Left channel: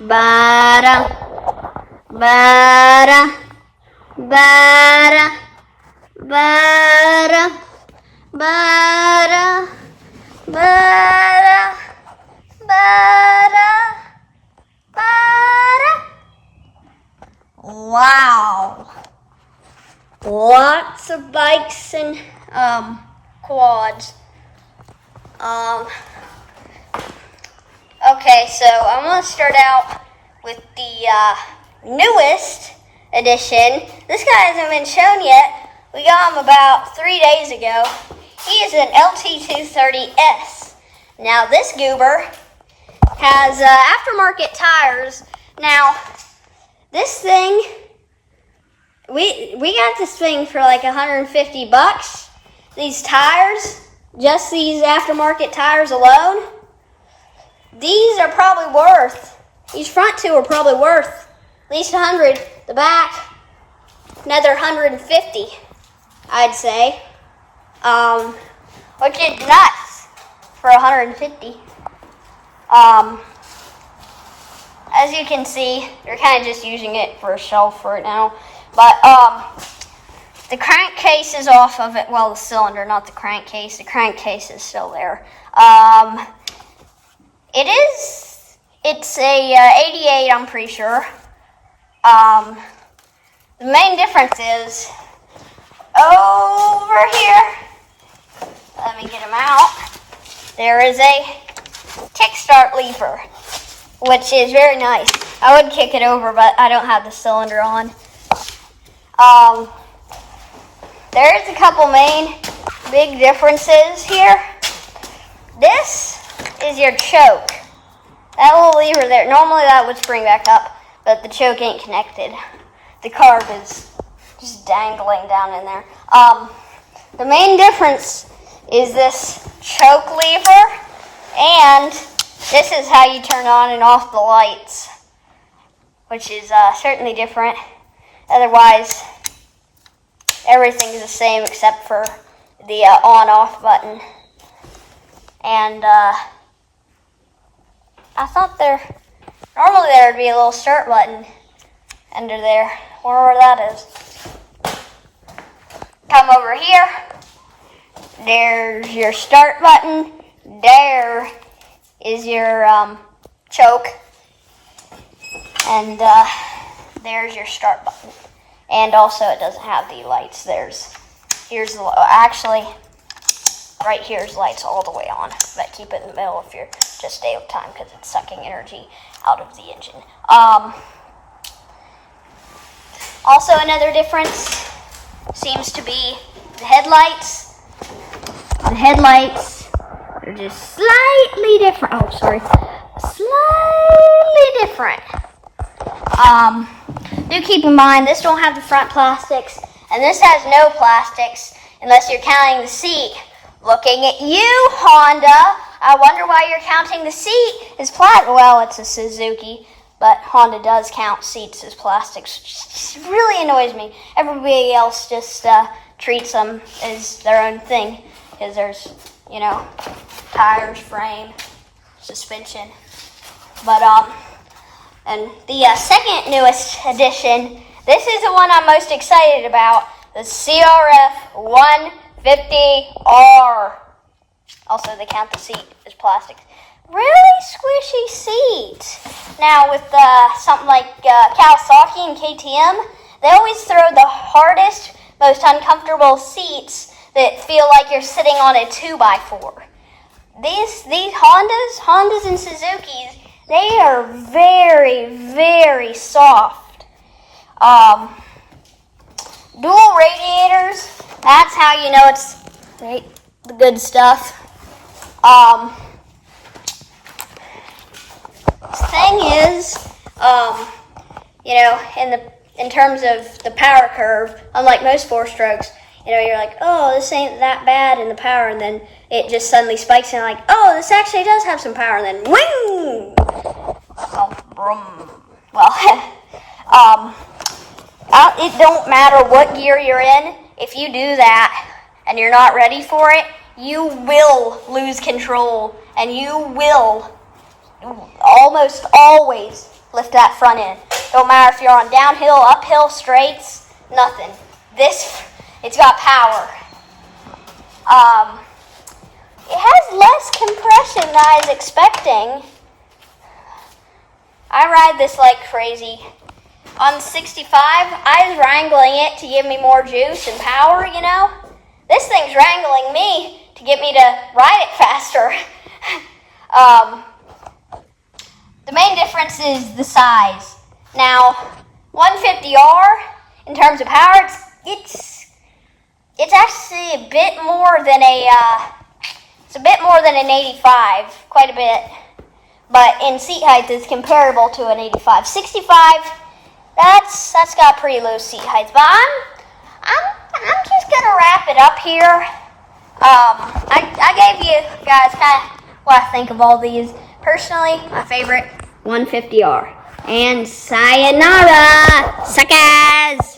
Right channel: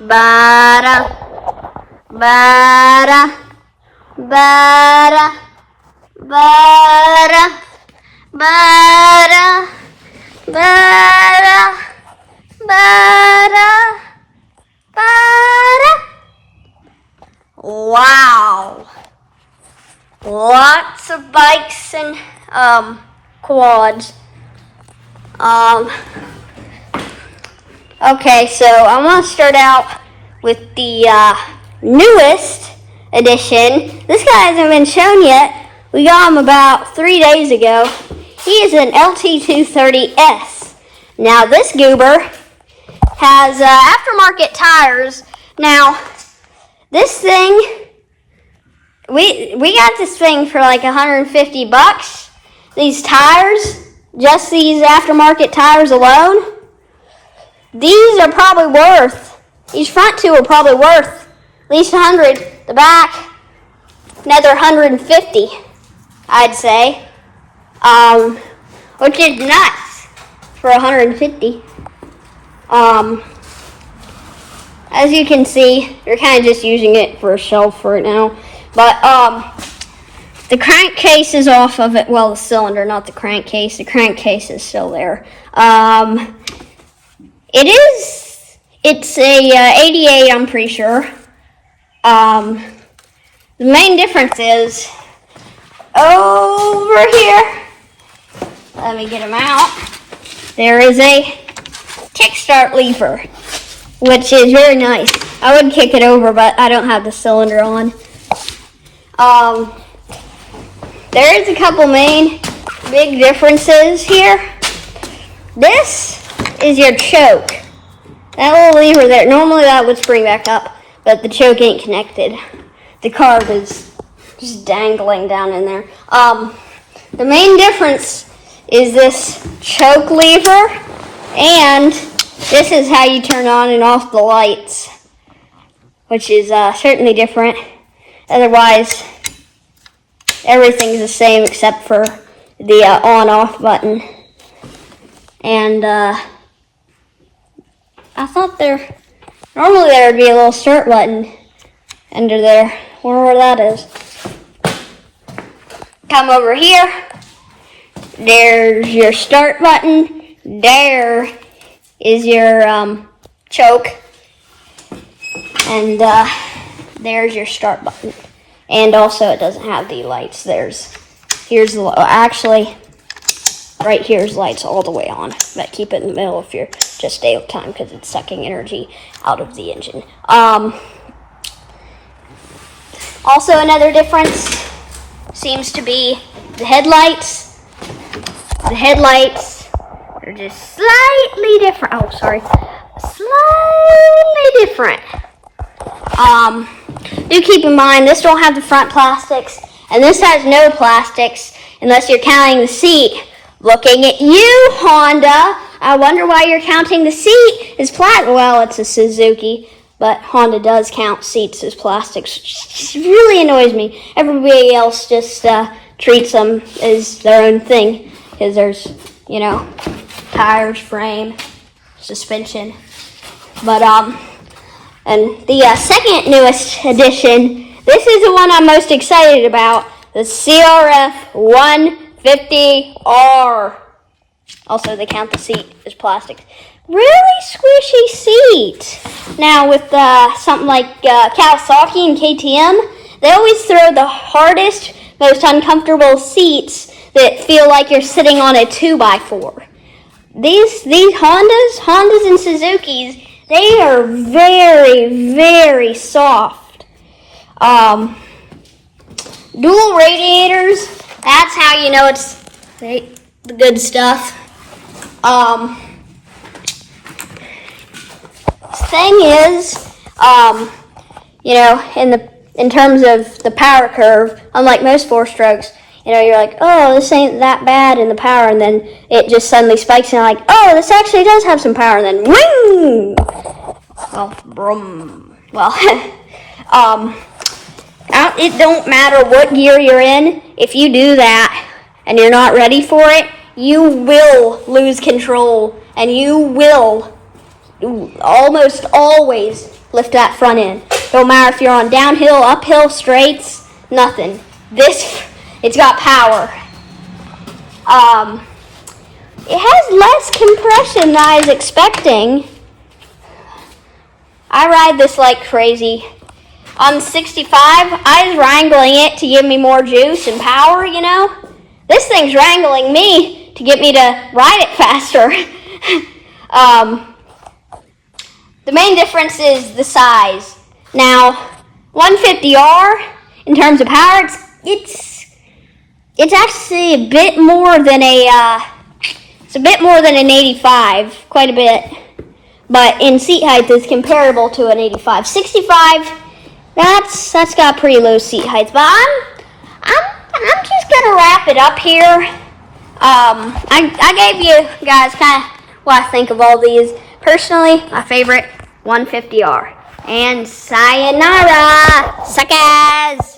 bara, bara, bara, bara, bara, bara, bara, bara. Wow. Lots of bikes and quads. Okay, so I'm going to start out with the newest edition. This guy hasn't been shown yet. We got him about 3 days ago. He is an LT230S. Now, this goober has aftermarket tires. Now, this thing, we got this thing for like $150. These tires, just these aftermarket tires alone, these are probably worth, these front two are probably worth at least 100. The back, another 150, I'd say. Which is nuts for 150. As you can see, you're kind of just using it for a shelf right now. But the crankcase is off of it. Well, the cylinder, not the crankcase. The crankcase is still there. It's a 88, I'm pretty sure. The main difference is over here. Let me get them out. There is a kickstart lever, which is very nice. I would kick it over, but I don't have the cylinder on. There is a couple main big differences here. This is your choke. That little lever there, normally that would spring back up, but the choke ain't connected. The carb is just dangling down in there. The main difference is this choke lever, and this is how you turn on and off the lights, which is certainly different. Otherwise, everything's the same except for the on-off button. And I thought normally there would be a little start button under there. Wonder where that is. Come over here. There's your start button. There is your choke. And there's your start button. And also it doesn't have the lights. Here's the, actually, right here's lights all the way on. But keep it in the middle if you're just day of time because it's sucking energy out of the engine. Also another difference seems to be the headlights. The headlights are just slightly different. Oh, sorry. Slightly different. Do keep in mind, this don't have the front plastics, and this has no plastics, unless you're counting the seat. Looking at you, Honda. I wonder why you're counting the seat as plastic. Well, it's a Suzuki, but Honda does count seats as plastics. It really annoys me. Everybody else just treats them as their own thing, because there's, tires, frame, suspension. But, and the second newest edition, this is the one I'm most excited about, the CRF 150R. Also, they count the seat as plastic. Really squishy seat. Now, with something like Kawasaki and KTM, they always throw the hardest, most uncomfortable seats that feel like you're sitting on a 2x4. These Hondas and Suzukis, they are very, very soft. Dual radiators, that's how you know it's the good stuff. Thing is, in terms of the power curve, unlike most four-strokes, you're like, oh, this ain't that bad in the power, and then it just suddenly spikes, and you're like, oh, this actually does have some power, and then ring! Well, brum. Well, it don't matter what gear you're in, if you do that, and you're not ready for it, you will lose control, and you will almost always lift that front end. Don't matter if you're on downhill, uphill, straights, nothing. It's got power. It has less compression than I was expecting. I ride this like crazy. On the 65, I was wrangling it to give me more juice and power, you know. This thing's wrangling me to get me to ride it faster. The main difference is the size. Now, 150R, in terms of power, it's actually a bit more than an 85, quite a bit. But in seat height, it's comparable to an 85. 65, that's got pretty low seat heights. But I'm just gonna wrap it up here. I gave you guys kind of what I think of all these. Personally, my favorite, 150R. And sayonara, suckers!